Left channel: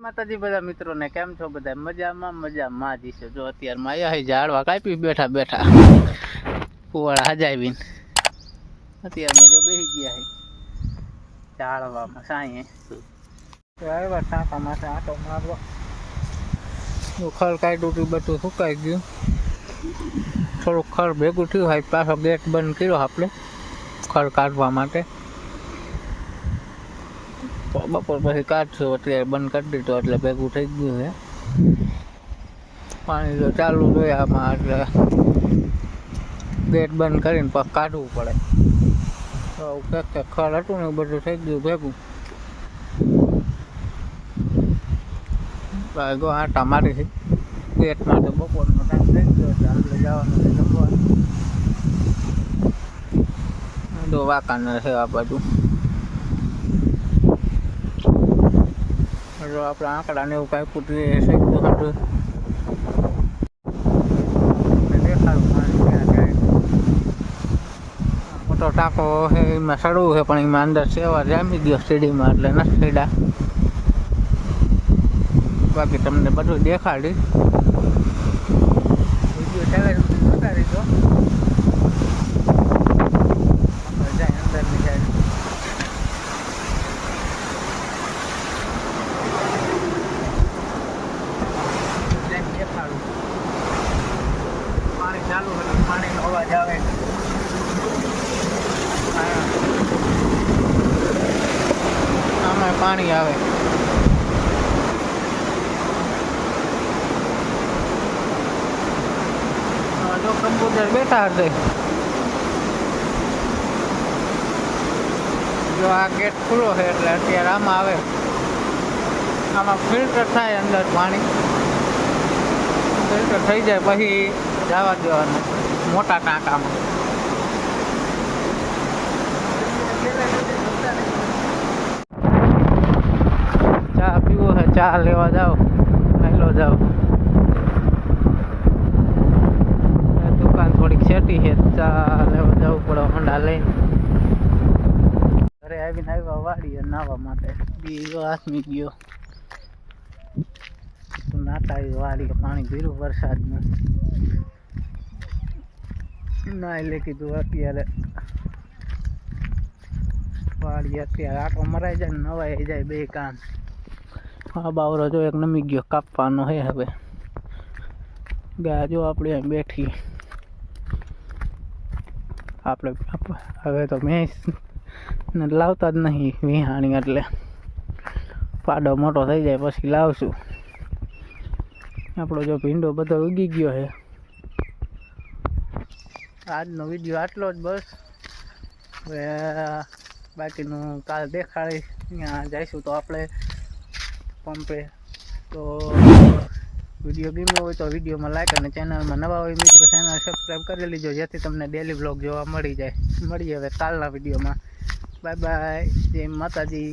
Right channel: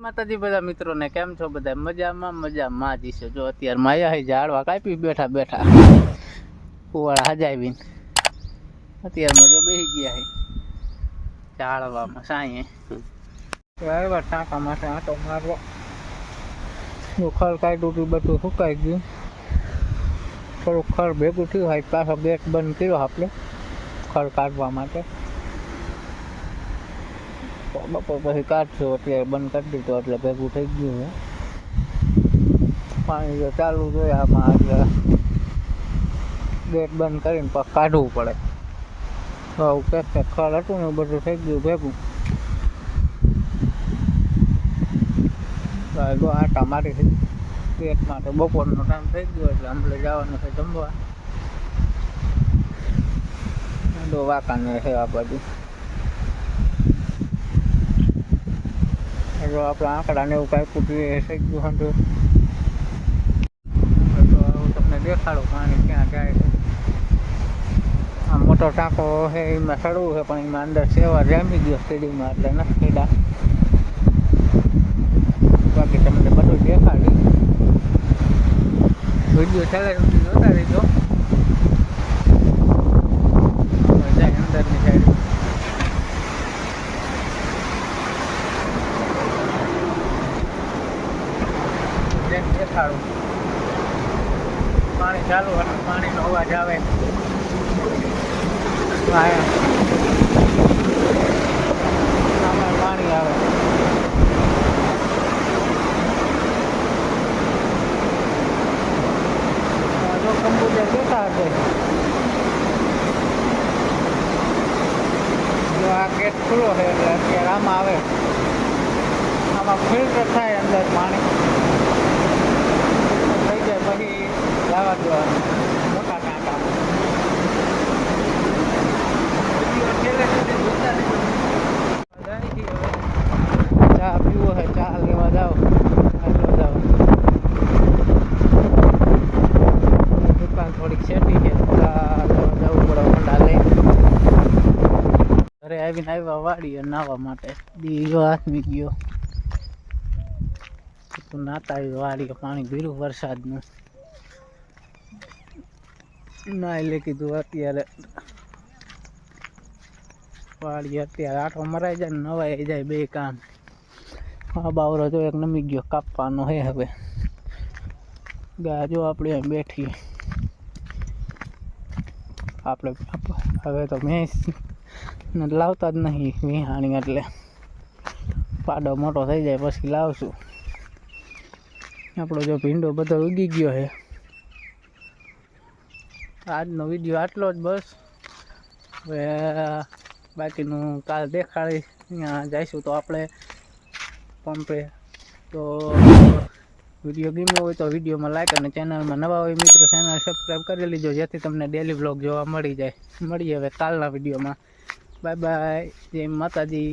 માતાજી બધા મિત્રોને કેમ છો? બધા મજામાં જ છે. જો અત્યારે માયા હે ઝાડવા કાપી બેઠા કુવાડા હજાવીને અત્યારમાં જો બેસી ગયા હે ઝાડવામાં સાંયે આવ્યા ટાંકા માટે આંટો મારવા. ખર કાઢ્યું હતું, બધું સુકાઈ ગયું. થોડુંક ખર ભેગું થયું હોય પાછો ગેટ બંધ કર્યો આપણે ખર કાઢવા માટે. બપોર પછી કાઢશું, અત્યારે બંધ કરી દીધો એટલે ભેગું થઈ ગયું છે. પાણી તો ચાલુ જોઈએ આમાં એટલે ગેટ બંધ કરીને પછી કાઢવું પડે. પેક ખર હતું ને બધું થઈ ગયું ભેગું. ગો આટા મારી ગેટમાં તો બપોરનો ટાઈમ થઈ ગયો એટલે આપણે જવાનું છે જમવા. દો વાંકાને છે આ બધું. જો આપણે આંકડાને એવું કાંઈ પૂછીએ થઈ ગયું હતું. તમને દેખાડું પાણી ક્યાં જાય. મોટો ટાંકો છે એમાં સડવું છે પણ એમાં અંદર સેવા જામી ગયો સીડીમાં એટલે નથી સીડા. બાકી તમને બધું દેખાડી વિડીયો ચાલે જોતા રહીજો. આપણે જાય અંદરની સાઈડ. દેખાડું પાણી ચાલુ અને પાણીનો અવાજ આવે. આમાં પાણી આવે. જો કમ્પ્યુટર બેઠા હશે. જો આ ગેટ ખુલ્લો છે એટલે અત્યારે આમાં આવે. આમાં ફિલ્ટર થાય અંદર પાણી. ફિલ્ટર થઈ જાય પછી જવા દેવાનું મોટા ટાંકામાં. ચા પીવો છે, ચા લેવા જાઓ, હેલો જાઓ. દુકાન થોડીક સેટી છે, ચા લેવા જવું પડે હોન્ડા લઈને. ઘરે આવીને આવ્યા વાડીએ નાહવા માટે. બીજો આથમી ગયો નાતા આવ્યો વાડીએ. પાણી ભીરું વરસાદનું ના એટલે કીધું અત્યારે વાડીએ અત્યારે આટો મરાઈ જાય ને નવાઈ જાય બે કામ. હા બાવરો જો એક નમી ગયો કાપવાનો હે. હવે ગા જો આપણે અહીં બેઠી. આપણે હવે તો ભેંસ ને લાવતા જ નહીં વિહાણી એટલે પાડો મોટો થઈ જાય પછી લાવશું. આપણો જો ભીંડો બધો ઉગી ગયો છે. આજનો વિડીયો આટલો જ બસ. હવે બાકીનું કાલ દેખાડીશ. ત્યાં જઈશું તો આપણે પંપે. તો વિડીયો ગમ્યો હોય તો વિડીયોમાં લાઈક અને ચેનલમાં નવા હોય મિત્રો ચેનલ સબસ્ક્રાઈબ કરી લીજો જેથી તમને ડેલી વ્લોગ જોવા મળી જાય. મળીએ હવે કાલના વિડીયોમાં. Bye bye. જય માતાજી.